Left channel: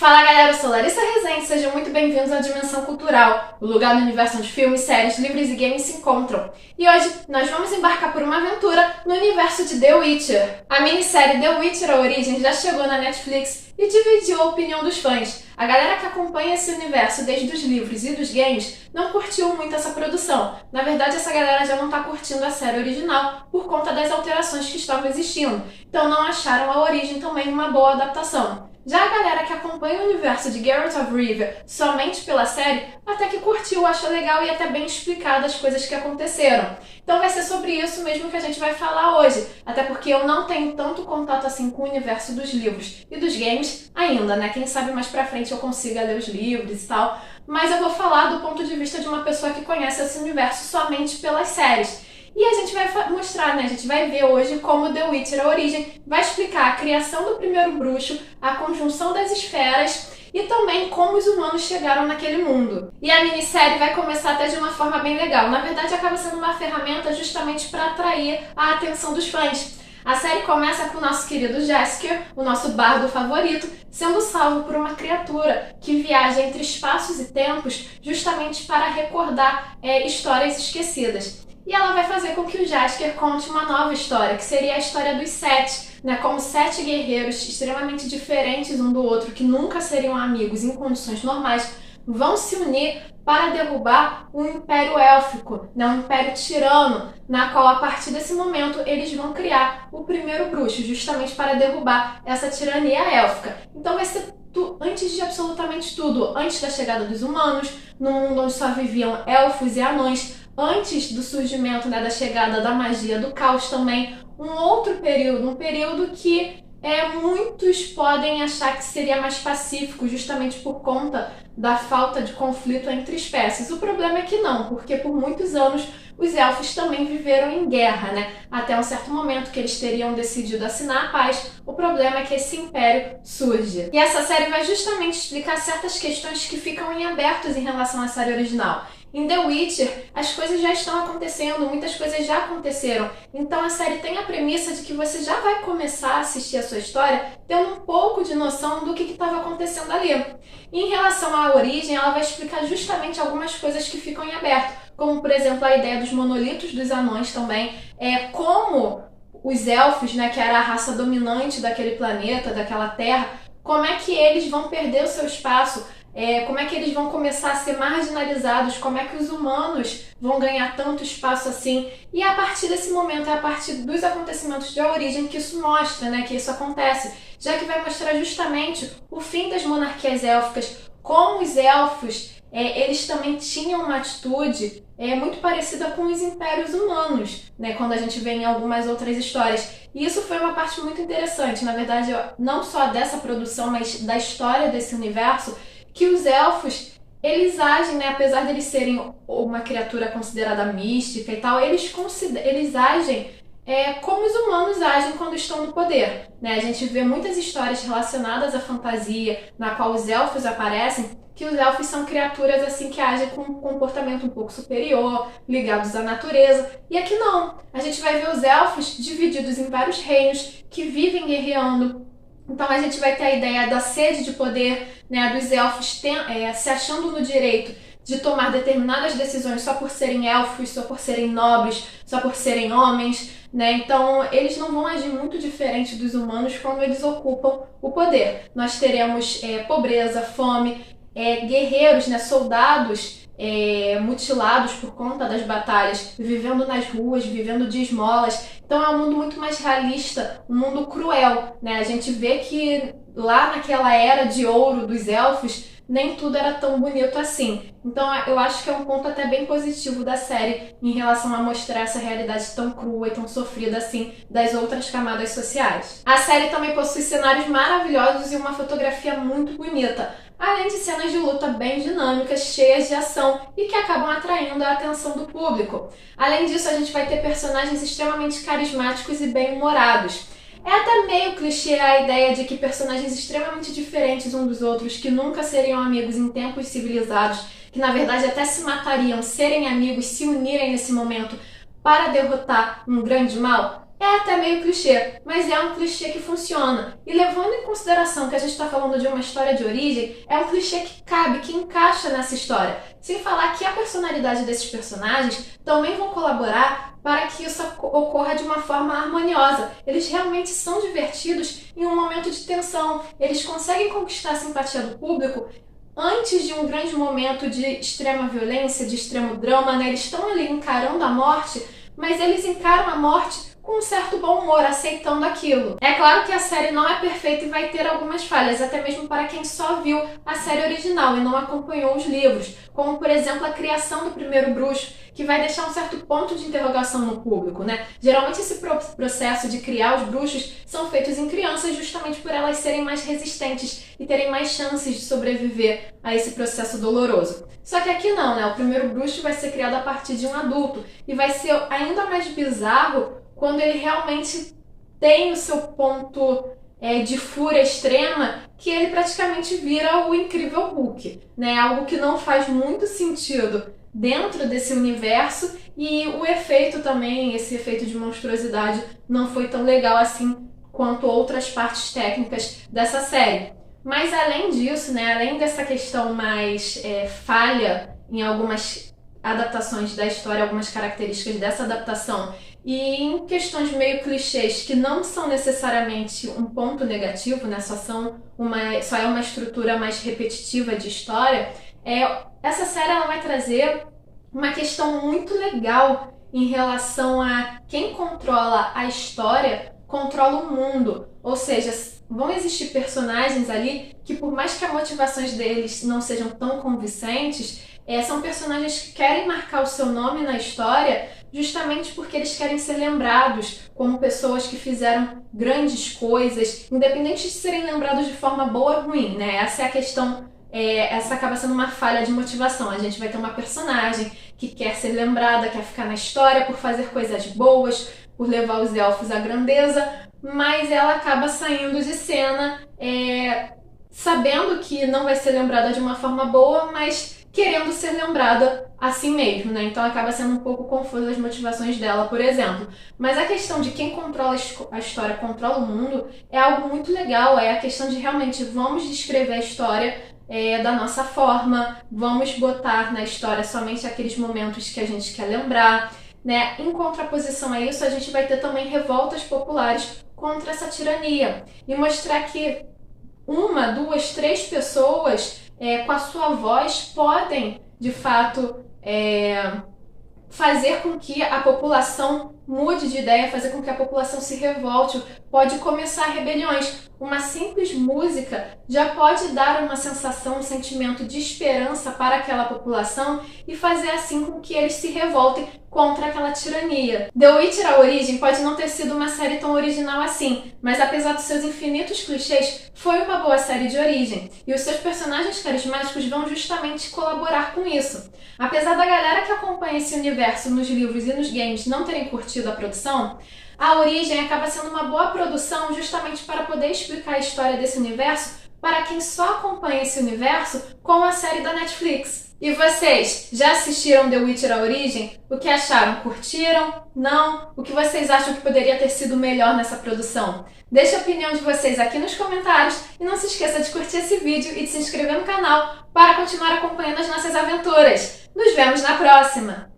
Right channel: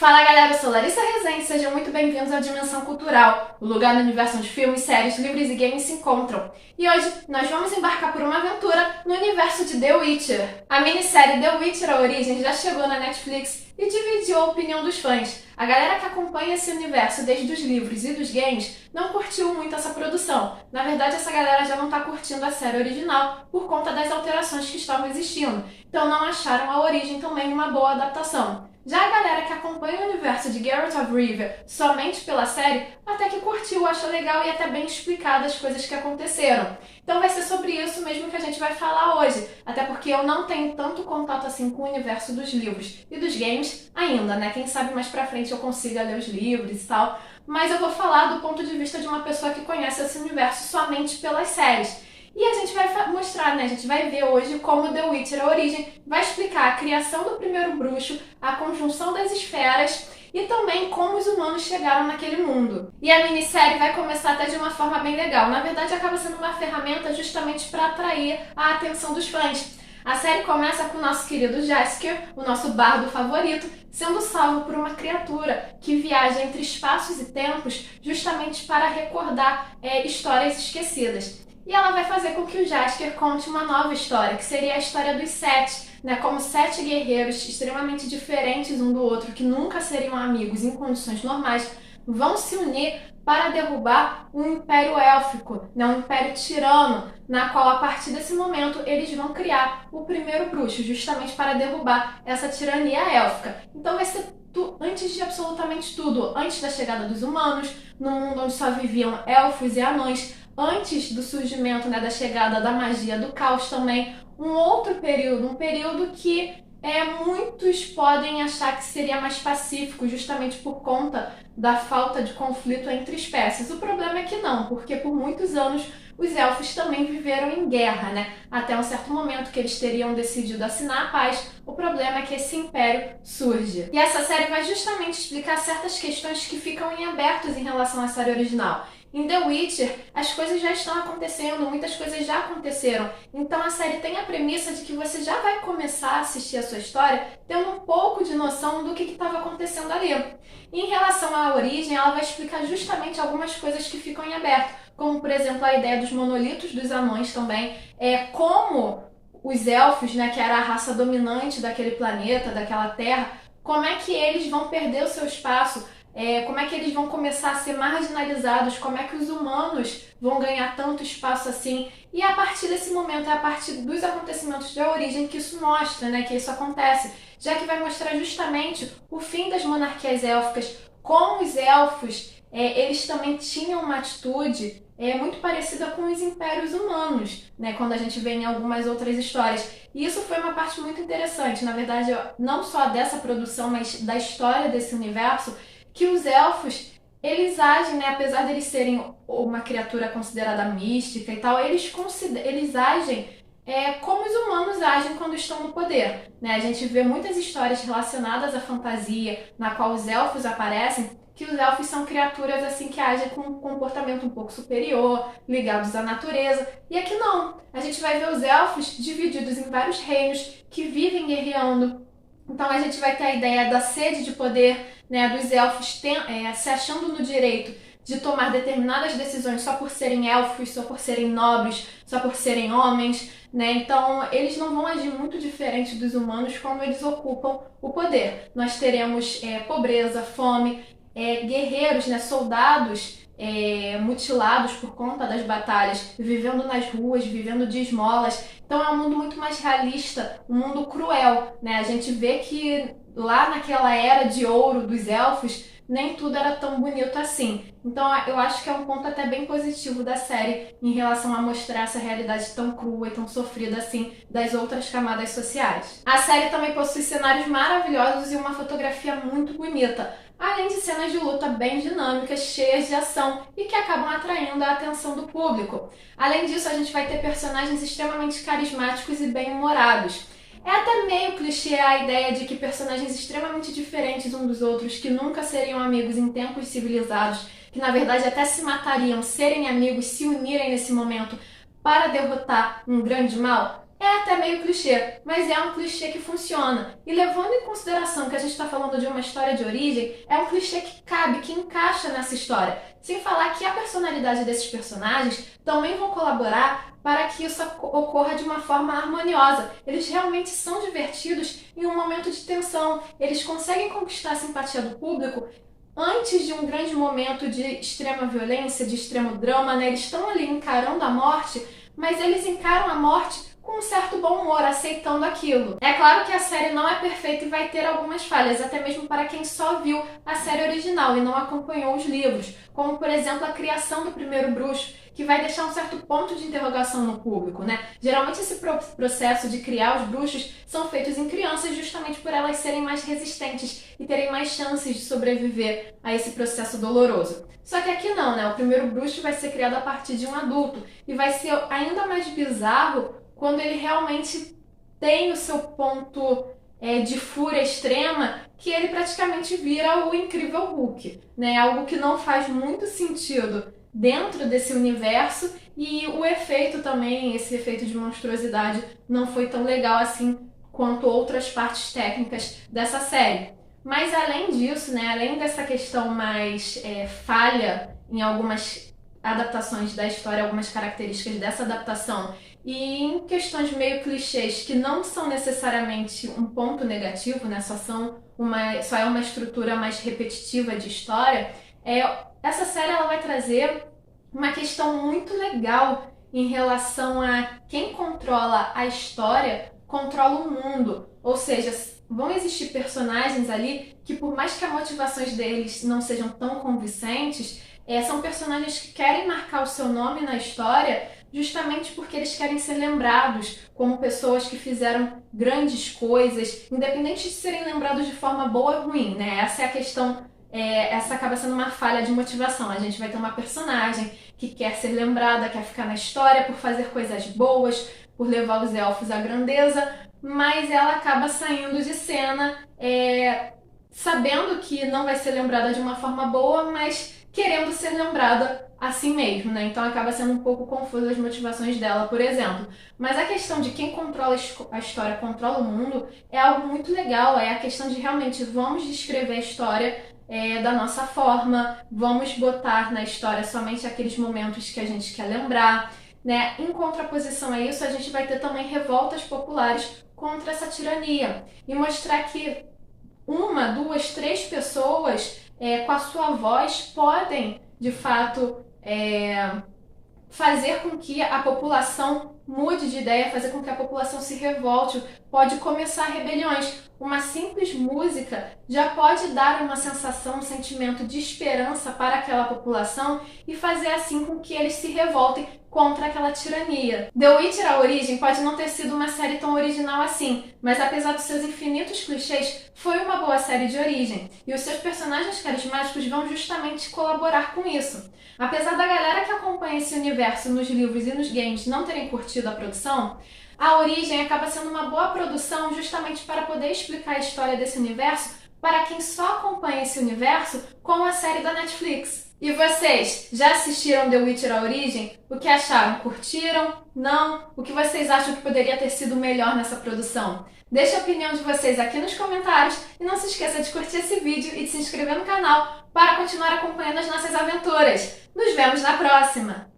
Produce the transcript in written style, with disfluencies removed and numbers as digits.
Fala galera, eu sou Larissa Rezende, sejam muito bem-vindos à Dimensão Cultural, o lugar no universo onde filmes, séries, livros e games se encontram. E hoje nós vamos embarcar por uma aventura no universo de The Witcher. A minissérie The Witcher: A Origem já chegou na Netflix e dividiu a opinião dos fãs. A galera que acompanha esse universo desde os livros e dos games não curtiu muito essa produção. Na verdade, essa galera já não tá curtindo a série original por conta das alterações que estavam existindo, então não acharam A Origem também uma boa adaptação. Já a galera que acompanha o universo de Geralt of Rivia somente pela série, até que curtiu, acha legal e até bem explicada as coisas que aconteceram. Então vai ser sobre isso mesmo que a gente vai falar hoje, até porque eu não tenho tanto contato assim com o universo dos livros e dos games ainda, né? Quem sabe mais pra frente eu consiga ler os livros e tal, mas eu vou falar do ponto de vista de uma pessoa que conhece esse universo somente pelas séries. E a gente vai mostrar, né? A gente vai ver hoje como The Witcher: A Origem vai explicar a criação do primeiro bruxo, a conjunção das esferas e também como os humanos chegaram naquele mundo. E a minissérie vai começar até de uma forma bem legal. Na verdade, acaba sendo uma ferramenta justamente para atrair a atenção dos fãs. A série começa com o nosso querido Jaskier, o nosso bardo favorito, sendo salvo por uma criatura que viaja entre espaços e tempos justamente para recordar histórias esquecidas. E ela vai fazer com que o Jaskier conte uma nova história, que seria a história dos Sete, né? Como 7 guerreiros extremamente diferentes um do outro, que nunca seriam amigos em condições normais, vão se unir para derrubar um império élfico, né? Um império tirano, na qual a partir desse momento eles vão criar o primeiro bruxo, justamente para derrubar essa tirania élfica. Então vai ser antes de absolutamente tudo, antes da chegada dos humanos, no mundo onde só viviam elfos e anões, antes do surgimento, né, da chegada da magia do caos também, um outro período, um período que muitos podem achar que seria mais pacífico, justamente por conta da falta de conflito entre espécies. O problema é que não, porque por muitos anos os elfos também viveram em guerra, né? Até um certo momento que eles teriam decidido assinar a paz. O problema é que esse império surge. E essa série vai justamente explicar certas questões que ficam em abertos em relação à série original. Em The Witcher, as coisas já estão acontecendo, muitas coisas já aconteceram. Então a série tem a premissa de que você já vai começar a assistir a sua história tendo um pouco de noção do que estava acontecendo ali. E em relação à origem, ela vai explicar justamente algumas coisas que ficam em aberto, como por exemplo a ideia dos monolitos dos anões também, como os elfos, né, que era a raça dominante daquele planeta, daquela terra, como é que eles vão perder o seu espaço, como é que eles vão começar a ser marginalizados, como é que os humanos vão ganhar tanto espaço assim. E a partir desse momento, é a partir dos acontecimentos de A Origem que isso mostra, né, que isso acontece, já que vai mostrar justamente o fim das monarquias élficas, como os elfos, eles também tinham uma atitude muito parecida com os impérios humanos, né, quando a gente vê em algumas outras histórias. E isso foi uma parte muito interessante, na verdade, não só dessa produção, mas da história desse universo, que os elfos, eles agem, né, apesar de eles serem uma criatura considerada mística e tal, eles agem como os humanos agem quando estão no poder, né? A gente vê muitas histórias relacionadas à fantasia, na qual os elfos aparecem, que os elfos são criaturas assim que agem com um comportamento um pouco superior, ligados à natureza. E aqui não. A gente vai ver os elfos divididos em vários reinos que vivem guerreando. Então a gente vai ter a ideia da sede de poder, né, dos elfos se achando no direito de tomar determinadas decisões só por serem elfos, só por serem nobres, só por serem homens, né? Então eles não vão agir muito diferente dos humanos quando eles ocupam o poder. Nós teremos pobreza, fome, guerreiros, né, soldados mutilados por conta das batalhas, vivendo nas ruas, vivendo de esmolas. Então é um mundo muito mais realista, um mundo cruel, né? A gente vê que lá naquela era de ouro dos elfos, nem tudo era tão bonito assim. Então eu acho que é um ponto até bem positivo da série em relação a mostrar essa realidade tão crua e tão sofrida assim das outras camadas sociais. A série também possui cenários maravilhosos e uma fotografia muito bonita, além de cenas de luta bem dinâmicas, cheias de ação e que acabam atraindo a atenção do público. Além disso, a gente vai ter personagens extremamente carismáticos e bem-humorados. É até meio clichê a ideia de que personagens extremamente diferentes uns dos outros, que nunca seriam amigos em tempos civilizados, que na verdade até se matariam, serem amigos, se unirem nesse momento para derrotar um grande mal. É até meio clichê, mas é um clichê que funciona. E levando em consideração que a gente está falando de uma história de origem, é um clichê que cabe, que encaixa nessa história. Sem falar que a personalidade desses personagens também vão colaborar para que isso ocorra de uma forma harmoniosa. Eles realmente são divertidos em um momento de tensão. Eles conseguem conquistar a simpatia do público antes de um grande momento de extrema violência, de extremo drama, né? Eles estão ali encarando a morte, mas eles encaram a morte com um certo bom humor, aceitando aquilo. É claro que a série não é perfeita e vai ter algumas falhas, até mesmo para quem só viu a série original e não acompanhou os livros, como por exemplo a criação do primeiro bruxo, que vai deixar um certo ponto de interrogação no público, né? Geralmente esse processo de criar os bruxos são feitos em crianças justamente por elas serem mais resistentes e terem mais chances de sobreviver a esse processo doloroso. Só que aqui não, né? O primeiro bruxo vai ser criado a partir de um adulto e vai ser ainda mais bizarro quando ele realmente tem o seu ponto de fúria extrema, que ele praticamente vira o incrível Hulk, né? Algo que não faz muito sentido dentro desse universo, e o efeito também, esse efeito de monstruosidade, não foi tão legal assim quanto outras partes técnicas dessa série. Mas além disso, né, além dessa questão mais falha em algumas adaptações da história, algumas características dessa adaptação, e em questões meio clichês que não são necessariamente um ponto negativo, né, só é uma estrutura mais repetitiva de história, essa série ela vai trazer uma questão muito legal em relação a quem controla a história, controla o mundo. Ou seja, vão existir personagens ali que, por mais que as motivações deles não sejam tão convincentes, são personagens que querem marcar o seu nome na história justamente porque eles querem ser lembrados como pessoas que fizeram grandes coisas, independente de serem lembrados de forma boa ou ruim, né? Essa é a questão, essa acaba sendo uma falha de motivação. A gente vai ter uma personagem que quer ser lembrada, quer ficar na história por fazer coisas boas, por levar os elfos à grandeza, mas ela acaba saindo de cena sabendo que não vai ser lembrada de uma forma boa, mas querendo ser lembrada assim mesmo, né? Então acaba sendo um pouco confuso as motivações dela, por exemplo. Mas a questão de quem controla a história, controla o mundo, é algo muito legal. É a questão de realmente vamos descrever a história da nossa forma, vamos botar na história somente aqueles momentos que a gente quer lembrar, né? Em contraposição a isso, a gente vai ter também revoltas populares contra essa tirania e mostrar que uma, duas, três pessoas com a sua voz podem, de fato, fazer com que a população mude de ideia, fazer com que a população se revolte, pode começar rebeliões. Uma simples música já pode dar uma sensação, um sentimento de esperança para aquela população e fazer assim com que eles se revoltem contra aquela tirania. The Witcher: A Origem pode não ter sido uma série tão original assim, mas apesar dos seus infinitos clichês, foi uma boa série de origem, e os seus personagens carismáticos vão justamente colaborar com isso. Apesar da galera que acompanha esse universo nos livros e nos games não terem curtido a produção, A Origem acaba sendo uma boa produção justamente para poder explicar a história desse universo para quem só acompanha esse universo com a série da Netflix. E vocês, já assistiram The Witcher: A Origem? O que acharam? Curtiram? Não? O que vocês acham que poderia ter sido melhor nessa produção? Deixe a opinião de vocês aqui nos comentários e não se esqueça de curtir esse vídeo e de se inscrever no canal para continuar acompanhando as nossas aventuras. Nos vemos na próxima!